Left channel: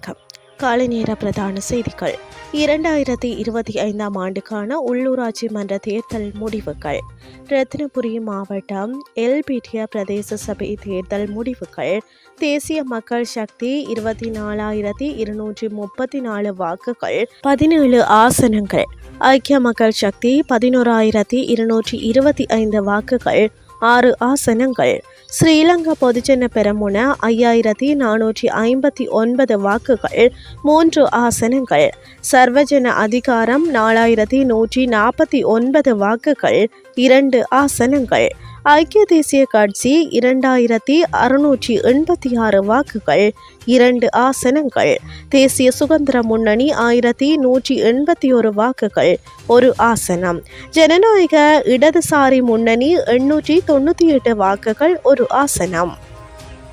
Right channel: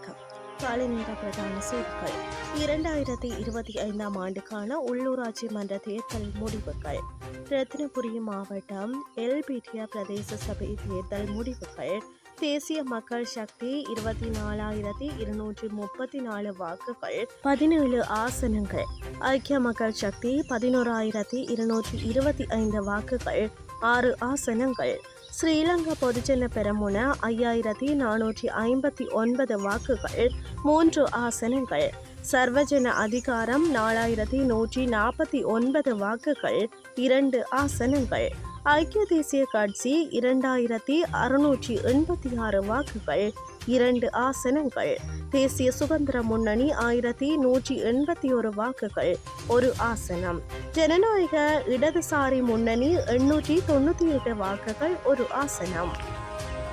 வணக்கம். காலை நேர பிரதான செய்திகள். இரண்டாயிரத்தி இருபத்தி ஐந்தாம் ஆண்டுக்கான உள்ளூராட்சி மன்ற தேர்தல் முடிவுகள். ரத்னபுரி மாவட்டம் எல்பிடியா பிரதேச சபை தேர்தல் முடிவுகள். தேசிய மக்கள் சக்தி இருபத்தி நாலாயிரத்தி இருநூற்றி முப்பத்தி நாலு வாக்குகள். பதினேழு ஆசனங்கள். ஐக்கிய மக்கள் சக்தி பதினோராயிரத்தி இருநூற்றி இருபத்தி ஐந்து வாக்குகள். ஆறு ஆசனங்கள். ஸ்ரீலங்கா பொதுஜன பெரமுன ஐயாயிரத்தி நானூற்றி ஐம்பத்தி ஒன்பது வாக்குகள் மூன்று ஆசனங்கள். சர்வஜன அதிகாரம் நாலாயிரத்தி நூற்றி நாற்பத்தி ஒன்பது வாக்குகள் இரண்டு ஆசனங்கள். ஐக்கிய தேசிய கட்சி இரண்டாயிரத்தி அறுநூற்றி எண்பத்தி ஆறு வாக்குகள் இரண்டு ஆசனங்கள். தேசிய சுதந்திர முன்னணி ஆயிரத்தி நூற்றி எண்பத்தி ஒரு வாக்குகள் ஒரு ஆசனம். ஜனநாயக இடதுசாரி முன்னணி எண்ணூற்றி தொண்ணூற்றி எட்டு வாக்குகள் ஒரு ஆசனம்.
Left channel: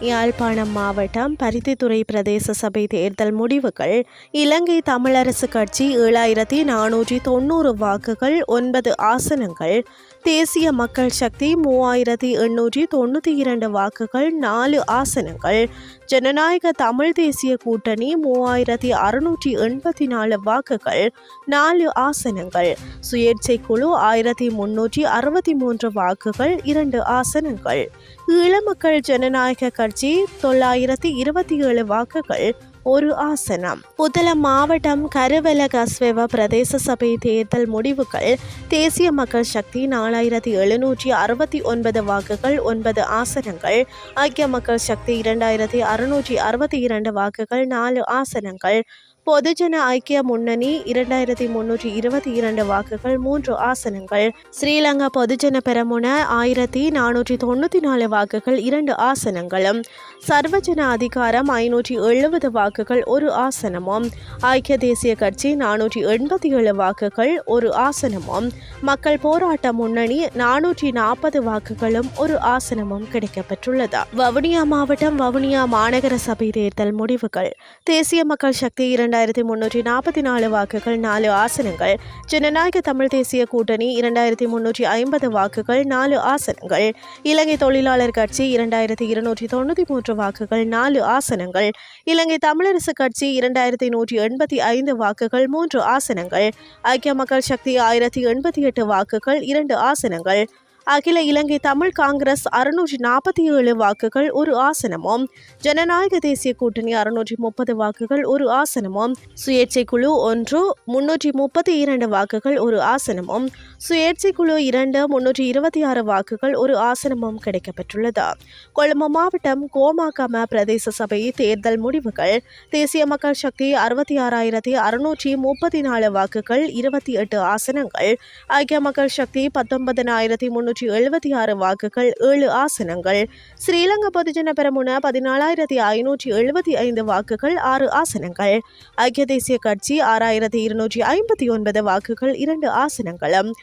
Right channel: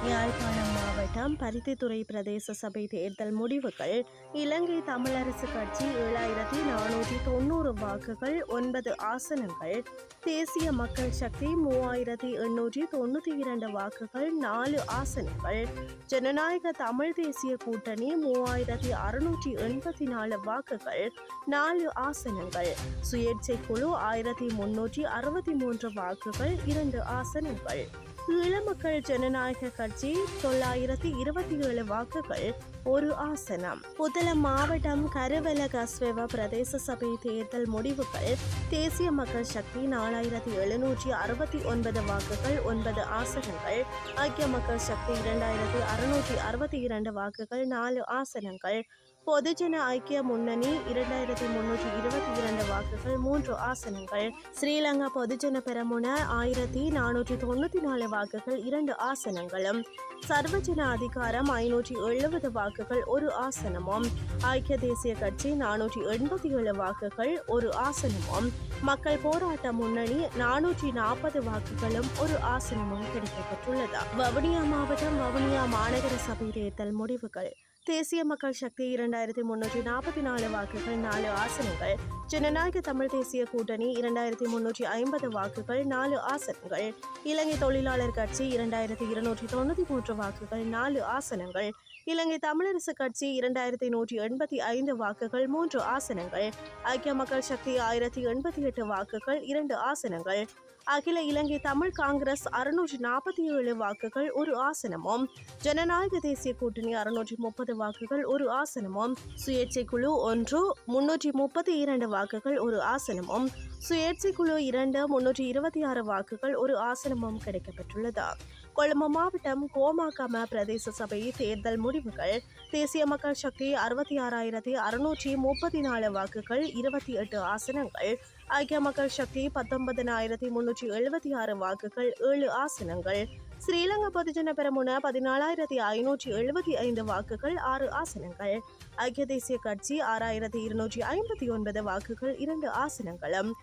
யாழ்ப்பாணம் மாவட்டம் பருத்தித்துறை பிரதேச சபை தேர்தல் முடிவுகள். இலங்கை தமிழரசு கட்சி ஏழாயிரத்தி நானூற்றி தொண்ணூறு வாக்குகள் ஒன்பது ஆசனங்கள். தேசிய மக்கள் சக்தி மூவாயிரத்தி எண்ணூற்றி தொண்ணூற்றி இரண்டு வாக்குகள் நாலு ஆசனங்கள். ஜனநாயக தமிழ் தேசிய கூட்டணி மூவாயிரத்தி அறுநூற்றி எண்பத்தி நாலு வாக்குகள் நாலு ஆசனங்கள். சுயேட்சை குழு ஆயிரத்தி முன்னூற்றி அறுபத்தி மூன்று வாக்குகள் இரண்டு ஆசனங்கள். ஈழமக்கள் ஜனநாயக கட்சி தொள்ளாயிரத்தி இருபத்தி ஏழு வாக்குகள் ஒரு ஆசனம். புதல மாவட்டம் கருவல கஸ்வெவ பிரதேச சபை தேர்தல் முடிவுகள். தேசிய மக்கள் சக்தி நாலாயிரத்தி எழுநூற்றி அறுபத்தி ஒன்பது வாக்குகள் ஒன்பது ஆசனங்கள். ஐக்கிய மக்கள் சக்தி இரண்டாயிரத்தி அறுநூற்றி அறுபத்தி இரண்டு வாக்குகள் நாலு ஆசனங்கள். பொதுஜன ஐக்கிய முன்னணி இரண்டாயிரத்தி முன்னூற்றி இருபத்தி இரண்டு வாக்குகள் மூன்று ஆசனங்கள். ஸ்ரீலங்கா பொதுஜன பெரமுன ஆயிரத்தி நானூற்றி தொண்ணூற்றி நாலு வாக்குகள் இரண்டு ஆசனங்களும். சர்வஜன அதிகாரம் ஐநூற்றி எழுபது வாக்குகள் ஒரு ஆசனமும். ஐக்கிய தேசிய கட்சி நானூற்றி எண்பத்தி ஏழு வாக்குகள் ஒரு ஆசனமும். மக்கள் போராட்ட முன்னணி நானூற்றி நாற்பது வாக்குகளும் ஒரு ஆசனமும் கிடைக்கப்பெற்றுள்ளது. வவுனியா மாவட்டம் வவுனியா மாநகர சபை தேர்தல் முடிவுகள். தேசிய மக்கள் சக்தி இரண்டு இரண்டாயிரத்தி முன்னூற்றி நாற்பத்தி நாலு வாக்குகள் நாலு ஆசனங்கள். ஜனநாயக தமிழ் தேசிய கூட்டணி இரண்டாயிரத்தி முன்னூற்றி ஐம்பது வாக்குகள் நாலு ஆசனங்கள். இலங்கை தொழிலாளர் கட்சி இரண்டாயிரத்தி இருநூற்றி தொண்ணூற்றி மூன்று வாக்குகள் நாலு ஆசனங்கள். இலங்கை தமிழரசு கட்சி இரண்டாயிரத்தி நூற்றி எண்பத்தி ஐந்து வாக்குகள் மூன்று ஆசனங்கள். ஐக்கிய மக்கள் சக்தி ஆயிரத்தி எண்பத்தி எட்டு வாக்குகள் இரண்டு ஆசனங்கள். அகில இலங்கை தமிழ் காங்கிரஸ் அறுநூற்றி நாற்பத்தி ஏழு வாக்குகள் ஒரு ஆசனமும். ஜனநாயக தேசிய கூட்டணி அறுநூற்றி முப்பது வாக்குகள் ஒரு ஆசனமும். சுயேட்சை குழு ஒன்று முன்னூற்றி முப்பத்தி இரண்டு வாக்குகள் ஒரு ஆசனமும். சுயேட்சை குழு இரண்டு முன்னூற்றி இருபத்தி ஆறு வாக்குகள் ஒரு ஆசனமும் கிடைக்கப்பெற்றுள்ளது. கொழும்பு மாவட்டம் கோமாகம பிரதேச சபை தேர்தல் முடிவுகள் தேசிய மக்கள் சக்தி அறுபத்தி ஆறாயிரத்தி அறுநூற்றி முப்பத்தி நாலு வாக்குகள் இருபத்தி எட்டு ஆசனங்கள் ஐக்கிய மக்கள் சக்தி பத்தொன்பதனாயிரத்தி முன்னூற்றி எழுபத்தி ஆறு வாக்குகள் ஏழு ஆசனங்கள் ஸ்ரீலங்கா பொதுஜன பெரமுன பதினாலாயிரத்தி ஐநூற்றி எழுபத்தி ஐந்து வாக்குகள் ஆறு ஆசனங்கள் ஐக்கிய தேசிய கட்சி ஆறாயிரத்தி இருநூற்றி ஐம்பத்தி ஒன்பது வாக்குகள் இரண்டு ஆசனங்களும்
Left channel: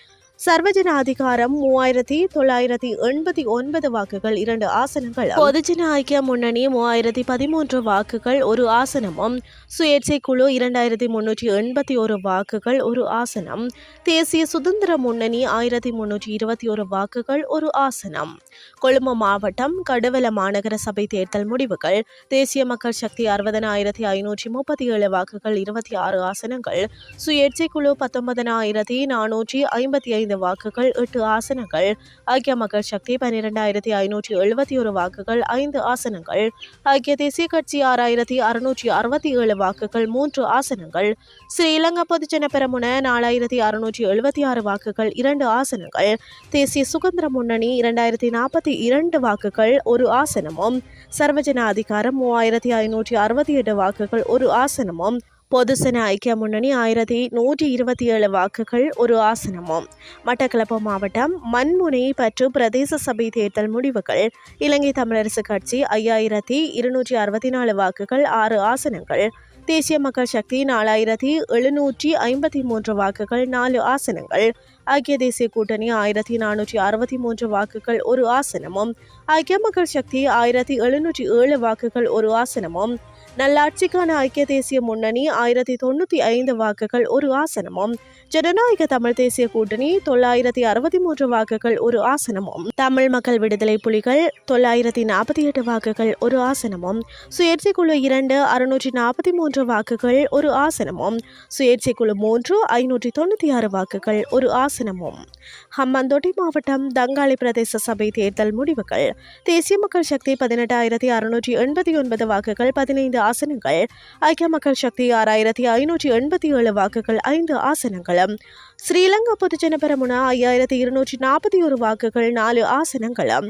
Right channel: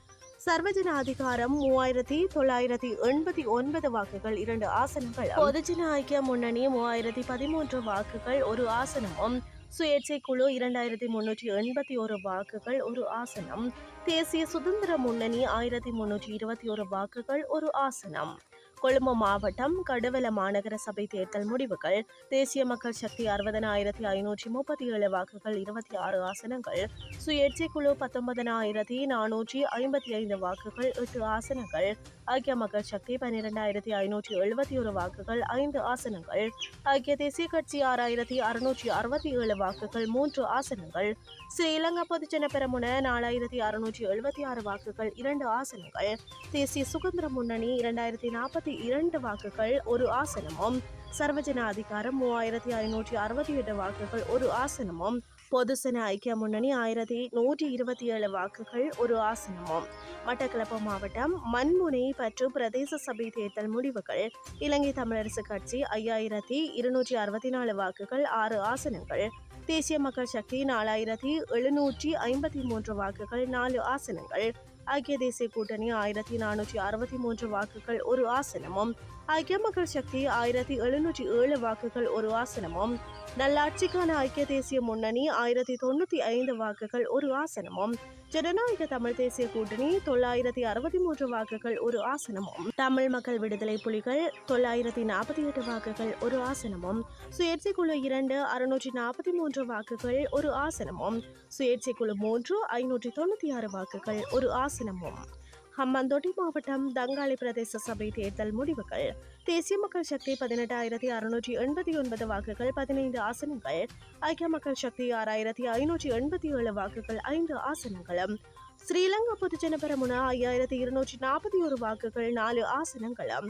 சர்வஜன அதிகாரம் மூவாயிரத்தி தொள்ளாயிரத்தி எண்பத்தி ஒன்பது வாக்குகள் இரண்டு ஆசனங்கள். பொதுஜன ஐக்கிய முன்னணி மூவாயிரத்தி பதிமூன்று வாக்குகள் ஒரு ஆசனமும். சுயேட்சை குழு இரண்டாயிரத்தி முன்னூற்றி எண்பத்தி ஒரு வாக்குகள் ஒரு ஆசனம். தேசிய சுதந்திர முன்னணி ஆயிரத்தி முன்னூற்றி இருபத்தி ஒரு வாக்குகள் ஒரு ஆசனம். கொழும்பு மாவட்டம் கடுவல மாநகர சபை தேர்தல் முடிவுகள். தேசிய மக்கள் சக்தி அறுபதனாயிரத்தி ஐநூற்றி முப்பத்தி ஏழு வாக்குகள் இருபத்தி ஆறு ஆசனங்கள். சுயேட்சை குழு பத்தொன்பதனாயிரத்தி நானூற்றி ஐம்பத்தி ஐந்து வாக்குகள் எட்டு ஆசனங்கள். ஐக்கிய மக்கள் சக்தி பன்னிரெண்டாயிரத்தி ஐநூற்றி எழுபத்தி ஒரு வாக்குகள் ஐந்து ஆசனங்கள். ஐக்கிய தேசிய கட்சி ஆறாயிரத்தி அறுநூற்றி அறுபத்தி ஏழு வாக்குகள் மூன்று ஆசனங்கள். ஸ்ரீலங்கா பொதுஜன பெரமுன நாலாயிரத்தி அறுநூற்றி எழுபத்தி ஆறு வாக்குகள் இரண்டு ஆசனங்கள். தேசிய சுதந்திர முன்னணி இரண்டாயிரத்தி நாற்பத்தி இரண்டு வாக்குகள் ஒரு ஆசனமும். சர்வஜன அதிகாரம் மூவாயிரத்தி ஐநூற்றி அறுபத்தி எட்டு வாக்குகள் ஒரு ஆசனமும். பொதுசன ஐக்கிய முன்னணி ஆயிரத்தி நூற்றி இருபத்தி ஏழு வாக்குகள் ஒரு ஆசனமும். மட்டக்களப்பு மாவட்டம் மண்முனை பற்று பிரதேச சபை தேர்தல் முடிவுகள். இலங்கை தமிழரசு கட்சி ஐயாயிரத்தி இருநூற்றி அறுபத்தி நாலு வாக்குகள் ஆறு ஆசனங்கள். தேசிய மக்கள் சக்தி நாலாயிரத்தி எழுநூற்றி ஐம்பத்தி மூன்று வாக்குகள் நாலு ஆசனங்கள். ஐக்கிய தேசிய கூட்டணி ஆயிரத்தி நானூற்றி அறுபத்தி மூன்று வாக்குகள் ஒரு ஆசனமும். ஐக்கிய மக்கள் சக்தி ஆயிரத்தி எழுநூற்றி ஏழு வாக்குகள் ஒரு ஆசனமும். நல்லாட்சிக்கான ஐக்கிய தேசிய முன்னணி ஆயிரத்தி தொண்ணூற்றி ஐந்து வாக்குகள் ஒரு ஆசனமும். ஜனநாயக தமிழ் தேசிய கூட்டணி தொள்ளாயிரத்தி அறுபத்தி மூன்று வாக்குகள் ஒரு ஆசனமும். தமிழ் மக்கள் விடுதலை புலிகள் தொள்ளாயிரத்தி நாற்பத்தி எட்டு வாக்குகள் ஒரு ஆசனமும். சுயேட்சை குழு இரண்டு அறுநூற்றி நாற்பத்தி மூன்று வாக்குகள் ஒரு ஆசனமும். சுயேட்சை குழு மூன்று ஐநூற்றி தொண்ணூற்றி ஆறு வாக்குகள் ஒரு ஆசனமும். ஹம்மந்தோட்டை மாவட்டம் தங்காளி பிரதேச சபை தேர்தல் முடிவுகள். தேசிய மக்கள் சக்தி பதினெட்டாயிரத்தி அறுநூற்றி எண்பத்தி ஒன்பது வாக்குகள் பதினைந்து ஆசனங்கள். ஐக்கிய மக்கள் சக்தி ஆறாயிரத்தி ஐநூற்றி எண்பத்தி ஏழு வாக்குகள் ஐந்து ஆசனங்களும். ஸ்ரீலங்கா பொதுஜன பெரமுனா ஐயாயிரத்தி இருநூற்றி நாற்பத்தி ஒரு வாக்குகள் நாலு ஆசனங்களும்.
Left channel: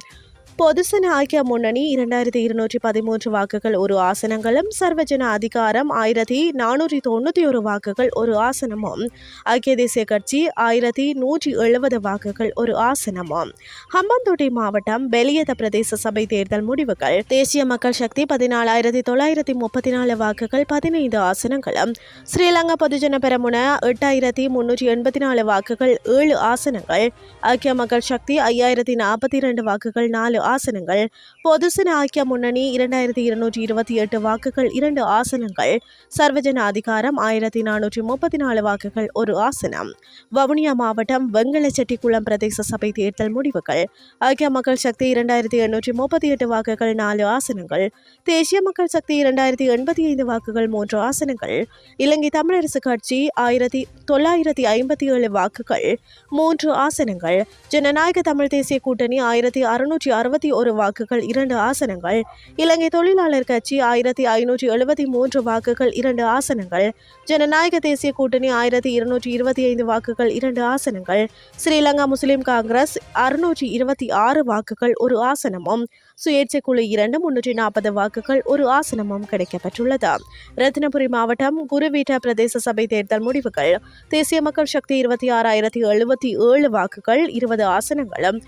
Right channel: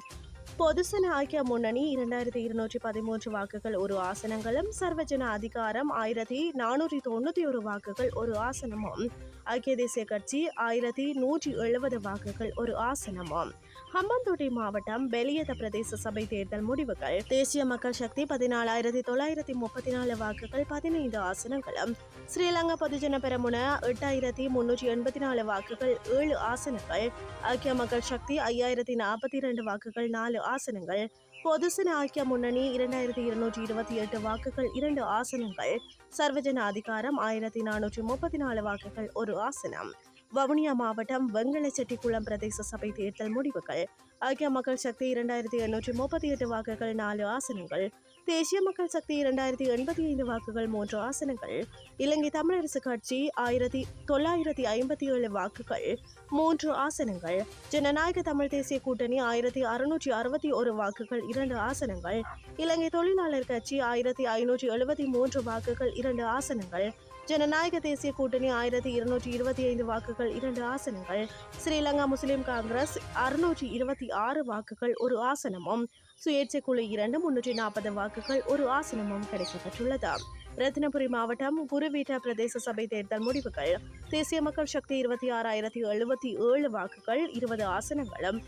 பொதுசன ஐக்கிய முன்னணி இரண்டாயிரத்தி இருநூற்றி பதிமூன்று வாக்குகள் ஒரு ஆசனங்களும் சர்வஜன அதிகாரம் ஆயிரத்தி நானூற்றி தொண்ணூற்றி ஒரு வாக்குகள் ஒரு ஆசனமும். ஐக்கிய தேசிய கட்சி ஆயிரத்தி நூற்றி எழுபது வாக்குகள் ஒரு ஆசனமும். ஹம்பந்தோட்டை மாவட்டம் பெலியத பிரதேச சபை தேர்தல் முடிவுகள். தேசிய மக்கள் சக்தி பதினாலாயிரத்தி தொள்ளாயிரத்தி முப்பத்தி நாலு வாக்குகள் பதினைந்து ஆசனங்களும். ஸ்ரீலங்கா பொதுஜன பெரமுன எட்டாயிரத்தி முன்னூற்றி எண்பத்தி நாலு வாக்குகள் ஏழு ஆசனங்கள். ஐக்கிய மக்கள் சக்தி ஐயாயிரத்தி நாற்பத்தி இரண்டு வாக்குகள் நாலு ஆசனங்கள். பொதுசன ஐக்கிய முன்னணி இரண்டாயிரத்தி இருநூற்றி இருபத்தி எட்டு வாக்குகள் இரண்டு ஆசனங்கள். சர்வஜன அதிகாரம் ஆயிரத்தி நானூற்றி முப்பத்தி நாலு வாக்குகள் ஒரு ஆசனம். வவுனியா மாவட்டம் வெங்கலச்செட்டிக்குளம் பிரதேச சபை தேர்தல் முடிவுகள். ஐக்கிய மக்கள் சக்தி இரண்டாயிரத்தி எண்ணூற்றி முப்பத்தி எட்டு வாக்குகள் நாலு ஆசனங்கள். தேசிய மக்கள் சக்தி இரண்டாயிரத்தி எண்பத்தி ஐந்து வாக்குகள் மூன்று ஆசனங்கள். இலங்கை தமிழரசு கட்சி ஆயிரத்தி தொள்ளாயிரத்தி ஐம்பத்தி ஏழு வாக்குகள் மூன்று ஆசனங்கள். ஜனநாயக தமிழ் தேசிய கூட்டணி ஆயிரத்தி அறுநூற்றி அறுபத்தி ஒரு வாக்குகள் இரண்டு ஆசனங்கள். இலங்கை தொழிலாளர் கட்சி ஆயிரத்தி ஐநூற்றி எழுபத்தி மூன்று வாக்குகள் இரண்டு ஆசனங்கள். ஜனநாயக தேசிய கூட்டணி ஆயிரத்தி இருநூற்றி இருபத்தி ஐந்து வாக்குகள் இரண்டு ஆசனங்கள். ஸ்ரீலங்கா முஸ்லிம் காங்கிரஸ் அறுநூற்றி இருபத்தி ஆறு வாக்குகள் ஒரு ஆசனமும். சுயேட்சை குழு இரண்டு முன்னூற்றி நாற்பது வாக்குகள் ஒரு ஆசனமும் கிடைக்கப்பட்டுள்ளது ரத்தினபுரி மாவட்டம் குருவீட்டா பிரதேச சபை தேர்தல் முடிவுகள். தேசிய மக்கள் சக்தி இருபத்தி ஆறாயிரத்தி எழுபத்தி ஏழு வாக்குகள் இருபது ஆசனங்களும்.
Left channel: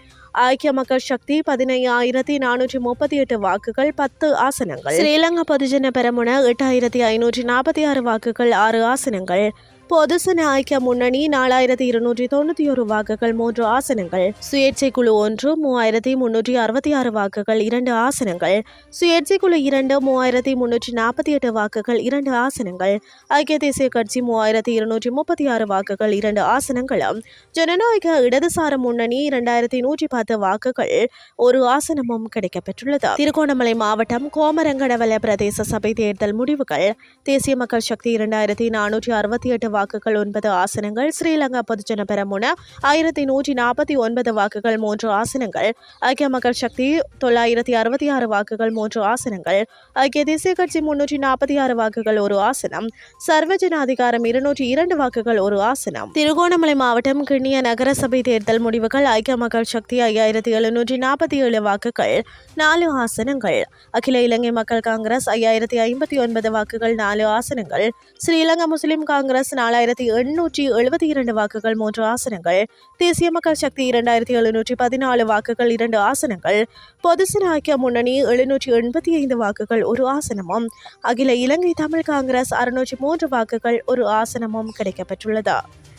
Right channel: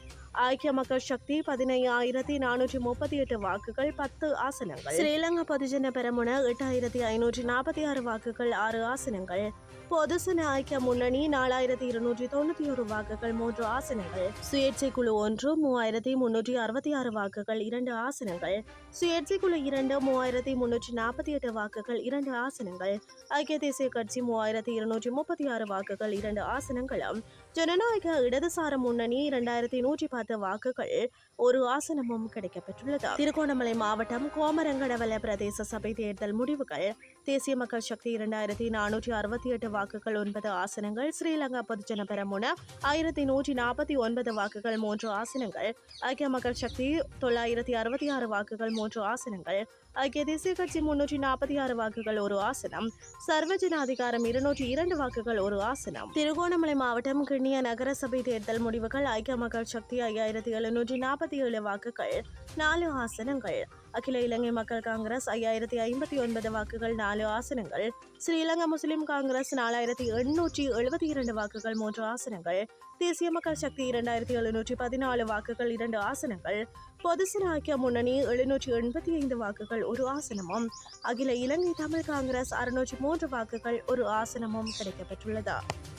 ஐக்கிய மக்கள் சக்தி பதினையாயிரத்தி நானூற்றி முப்பத்தி எட்டு வாக்குகள் பத்து ஆசனங்கள். ஸ்ரீலங்கா பொதுஜன பெரமுன எட்டாயிரத்தி ஐநூற்றி நாற்பத்தி ஆறு வாக்குகள் ஆறு ஆசனங்கள். பொதுசன ஐக்கிய முன்னணி நாலாயிரத்தி இருநூற்றி தொண்ணூற்றி ஒரு வாக்குகள் மூன்று ஆசனங்கள். சுயேட்சை குழு ஒன்று மூவாயிரத்தி முன்னூற்றி அறுபத்தி ஆறு வாக்குகள் இரண்டு ஆசனங்கள். சுயேட்சை குழு இரண்டு மூவாயிரத்தி முன்னூற்றி நாற்பத்தி எட்டு வாக்குகள் இரண்டு ஆசனங்கள். ஐக்கிய தேசிய கட்சி மூவாயிரத்தி இருநூற்றி முப்பத்தி ஆறு வாக்குகள் இரண்டு ஆசனங்களும். ஜனநாயக இடதுசார முன்னணி இரண்டாயிரத்தி நூற்றி பத்து வாக்குகள் ஒரு ஆசனமும் கிடைக்கப்பெற்றுள்ளது. திருகோணமலை மாவட்டம் கோமரங்கடவல பிரதேச சபை தேர்தல் முடிவுகள். தேசிய மக்கள் சக்தி இரண்டாயிரத்தி நானூற்றி அறுபத்தி எட்டு வாக்குகள் ஒன்பது ஆசனங்கள் ஸ்ரீலங்கா பொதுஜன பெரமுன ஆயிரத்தி நூற்றி நாற்பத்தி ஒன்பது வாக்குகள் மூன்று ஆசனங்கள். ஐக்கிய மக்கள் சக்தி தொள்ளாயிரத்தி அறுபத்தி ஆறு வாக்குகள் மூன்று ஆசனங்கள். ஐக்கிய தேசிய கட்சி முன்னூற்றி நாற்பத்தி ஆறு வாக்குகள் ஒரு ஆசனம். சர்வஜன அதிகாரம் இருநூற்றி இரண்டு வாக்குகள் ஒரு ஆசனம். திருகோணமலை மாவட்டம் கிண்ணிய நகரசபை தேர்தல் முடிவுகள் ஐக்கிய மக்கள் சக்தி ஐயாயிரத்தி எழுநூற்றி நாற்பத்தி ஏழு வாக்குகள். நாலு ஆசனங்கள் அகில இலங்கை மக்கள் காங்கிரஸ் ஐயாயிரத்தி ஐம்பத்தி ஒன்பது வாக்குகள் நாலு ஆசனங்கள் ஸ்ரீலங்கா முஸ்லிம் காங்கிரஸ் நாலாயிரத்தி எண்ணூற்றி எழுபத்தி இரண்டு வாக்குகள் மூன்று ஆசனங்கள் தேசிய மக்கள் சக்தி இரண்டாயிரத்தி எழுநூற்றி பதினாலு வாக்குகள் இரண்டு ஆசனங்கள் பொதுசன ஐக்கிய முன்னணி எழுநூற்றி எண்பத்தி ஐந்து வாக்குகள் ஒரு ஆசனமும் அகில இலங்கை தமிழ் காங்கிரஸ் அறுநூற்றி மூன்று வாக்குகள் ஒரு ஆசனமும் கிடைக்கப்பெற்றுள்ளது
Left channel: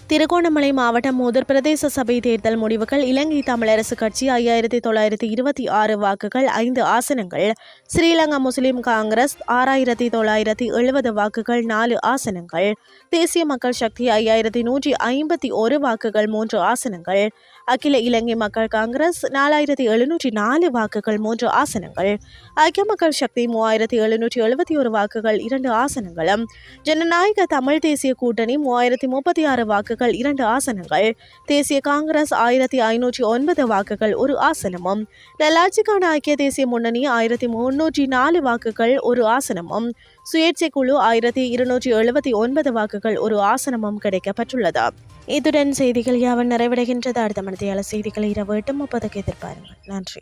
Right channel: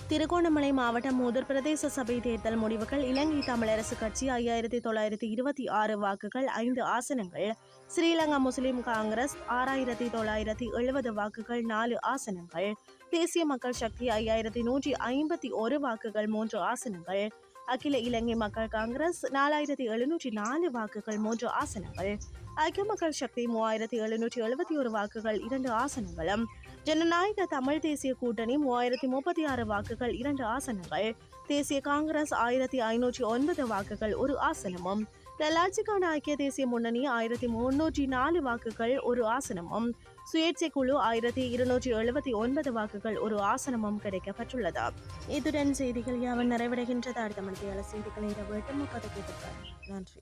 திருகோணமலை மாவட்டம் மூதூர் பிரதேச சபை தேர்தல் முடிவுகள் இலங்கை தமிழரசு கட்சி ஐயாயிரத்தி தொள்ளாயிரத்தி இருபத்தி ஆறு வாக்குகள் ஐந்து ஆசனங்கள் ஸ்ரீலங்கா முஸ்லிம் காங்கிரஸ் ஆறாயிரத்தி தொள்ளாயிரத்தி எழுபது வாக்குகள் நாலு ஆசனங்கள் தேசிய மக்கள் சக்தி ஐயாயிரத்தி நூற்றி ஐம்பத்தி ஒரு வாக்குகள் மூன்று ஆசனங்கள் அகில இலங்கை மக்கள் காங்கிரஸ் நாலாயிரத்தி எழுநூற்றி நாலு வாக்குகள் மூன்று ஆசனங்கள் ஐக்கிய மக்கள் சக்தி மூவாயிரத்தி எழுநூற்றி எழுபத்தி ஒரு வாக்குகள் இரண்டு ஆசனங்களும் ஜனநாயக தமிழ் தேசிய கூட்டணி மூவாயிரத்தி முப்பத்தி ஆறு வாக்குகள் இரண்டு ஆசனங்கள். தேசிய காங்கிரஸ் ஆயிரத்தி ஐநூற்றி ஒன்பது வாக்குகள் ஒரு ஆசனமும். நல்லாட்சிக்கான ஐக்கிய தேசிய முன்னணி ஆயிரத்தி முன்னூற்றி நாலு வாக்குகள் ஒரு ஆசனமும். சுயேட்சை குழு ஆயிரத்தி இருநூற்றி எழுபத்தி ஒன்பது வாக்குகள் ஒரு ஆசனமும் கிடைக்கப்பட்டுள்ளது இத்துடன் செய்திகள் யாவன் நிறைவடைகின்றது. அடுத்த மனதியால செய்திகளை இரவு எட்டு முப்பதுக்கு எதிர்பாருங்கள். நன்றி.